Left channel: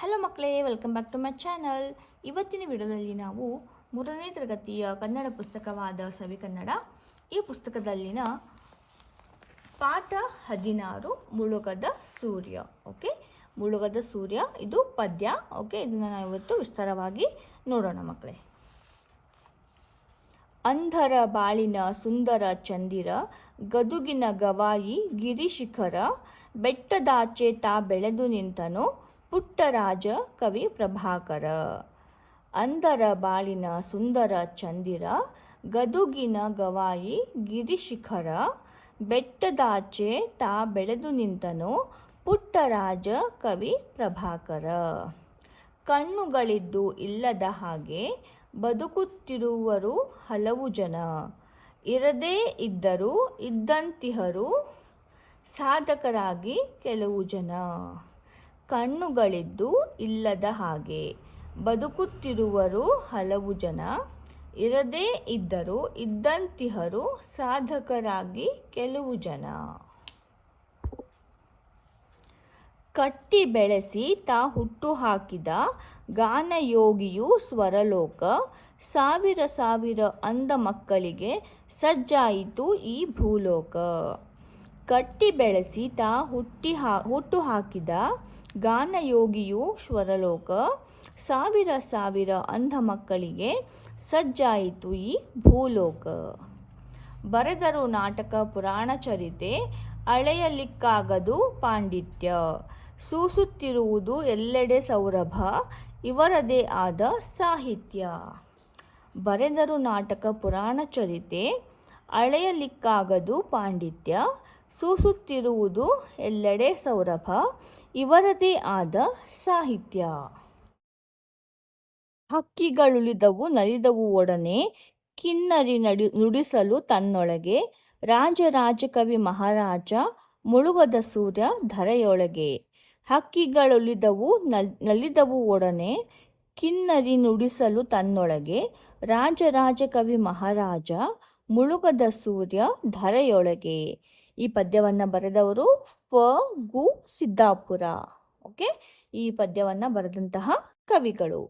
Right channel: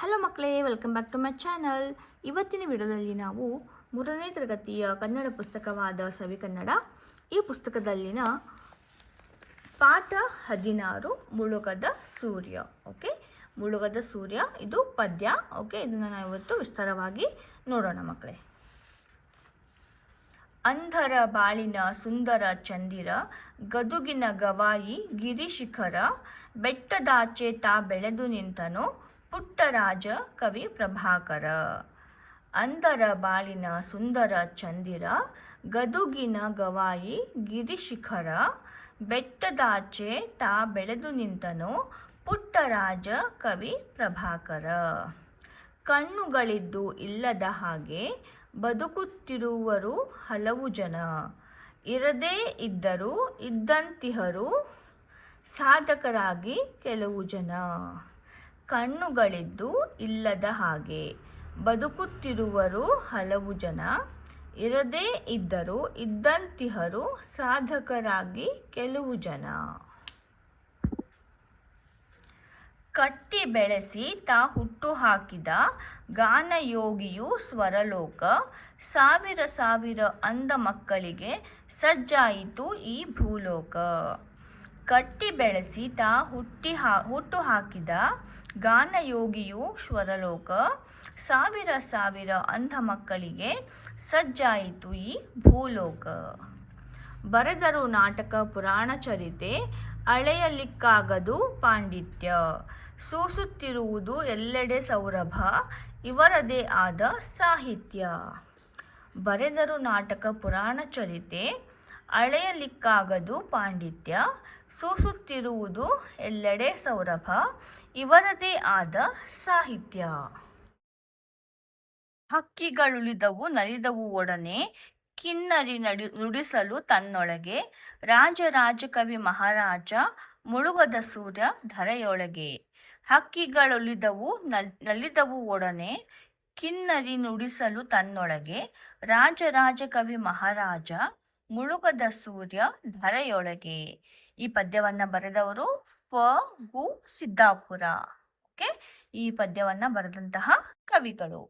Hello ಮಕ್ಕಳೇ, welcome back to my channel. ಇವತ್ತಿನ ವಿಡಿಯೋದಲ್ಲಿ ನಾವು 3ನೇ ತರಗತಿಯ ಕನ್ನಡ ಪುಸ್ತಕವಾದ ಸವಿಕನ್ನಡ ಈ ಪುಸ್ತಕದಲ್ಲಿನ ಪಾಠ 16 ಮುಳುಗದ ಸೂರ್ಯ. ಓಕೆ, ಮುಳುಗದ ಸೂರ್ಯ ಇದು ಪದ್ಯ. ಓಕೆ, ಇದನ್ನು ನಾವು ಇವತ್ತು ವಿಸ್ತಾರವಾಗಿ ನೋಡೋಣ ಮಕ್ಕಳೇ. ಅಂಧರ ಬಾಳಿನ ಸುಂದರ ಚಂದಿರ, ಗದುಗಿನ ಗವಾಯಿ ಗಿರಿಶಿಖರ, ಬೆಟ್ಟದಾಚೆ ತಾ ಬೆಳೆದು ನಿಂತನು ಪುಟ್ಟರಾಜ ಕವಿ ಪ್ರಭಾಕರ. ಅಂಧರ ಬಾಳಿನ ಸುಂದರ ಚಂದಿರ, ಗದುಗಿನ ಗವಾಯಿ ಗಿರಿಶಿಖರ, ಬೆಟ್ಟದಾಚೆ ತಾ ಬೆಳೆದು ನಿಂತನು ಪುಟ್ಟರಾಜ ಕವಿ ಪ್ರಭಾಕರ. ಕಣ್ಣುಗಳಿದ್ದು ಇಲ್ಲದ ಹಾಗೆ ಬದುಕುತ್ತಿರುವರು ಹಲವು ಜನ, ಇರದೇ ಇದ್ದರೂ ಇದ್ದಂತಿಹರು ಸಾಧಕರಾಗಿ ಕೆಲವು ಜನ. ಕಣ್ಣುಗಳಿದ್ದು ಇಲ್ಲದ ಹಾಗೆ ಬದುಕುತ್ತಿರುವರು ಹಲವು ಜನ, ಇರದೇ ಇದ್ದರೂ ಇದ್ದಂತಿಹರು ಸಾಧಕರಾಗಿ ಕೆಲವು ಜನ. ಕಟ್ಟಿ ಬೆಳೆಸಿ ತಾ ಹುಟ್ಟು ಹಾಕಿದ ಗಾನಯೋಗಿಯು ಸ್ವರಲೋಕ, ಸಾವಿರ ಸಾವಿರ ಅಂಧ ಮಕ್ಕಳಿಗೆ ಸಜ್ಜಾಯಿತು ಈ ಭೂಲೋಕ. ಕಟ್ಟಿ ಬೆಳೆಸಿ ತಾ ಹುಟ್ಟು ಹಾಕಿದ ಗಾನಯೋಗಿಯು ಸ್ವರಲೋಕ, ಸಾವಿರ ಸಾವಿರ ಅಂಧ ಮಕ್ಕಳಿಗೆ ಸಜ್ಜಾಯಿತು ಈ ಭೂಲೋಕ. ಬರೆದರು ನಾಟಕ ಪುರಾಣ ಚರಿತೆ, ಅಳೆಯಲಿಕ್ಕಾಗದು ಪಾಂಡಿತ್ಯ, ಸೂಸುತ್ತಿರುವುದು ಎಲ್ಲೆಡೆ ಸೌರಭ, ಇವರದೇ ಆದ ಸಾಹಿತ್ಯ. ಬರೆದರು ನಾಟಕ ಪುರಾಣ ಚರಿತೆ, ಅಳೆಯಲಿಕ್ಕಾಗದು ಪಾಂಡಿತ್ಯ, ಸೂಸುತ್ತಿರುವುದು ಎಲ್ಲೆಡೆ ಸೌರಭ, ಇವರದೇ ಆದ ಸಾಹಿತ್ಯ. ಹಕ್ಕಿಗಳುಳಿದವು ನಲಿದವು ಒಡನೆ, ಕಿನ್ನರಿ ನುಡಿಸಲು ತನ್ನೊಳಗೆ, ರಾಜರಾಜಕವಿ ಮಹಾರಾಜ ಮುಳುಗದ ಸೂರ್ಯ ಧರೆಯೊಳಗೆ. ಹಕ್ಕಿಗಳುಳಿದವು ನಲಿದವು ಒಡನೆ, ಕಿನ್ನರಿ ನುಡಿಸಲು ತನ್ನೊಳಗೆ, ರಾಜರಾಜಕವಿ ಮಹಾರಾಜ ಮುಳುಗದ ಸೂರ್ಯ ಧರೆಯೊಳಗೆ. ಈ ಪದ್ಯವನ್ನು ಬರೆದವರು ಫ.ಗು. ಸಿದ್ದಾಪುರ. ಓಕೆ, ಈ ಪದ್ಯವನ್ನು ಬರೆದಂತಹ ಕವಿಗಳು.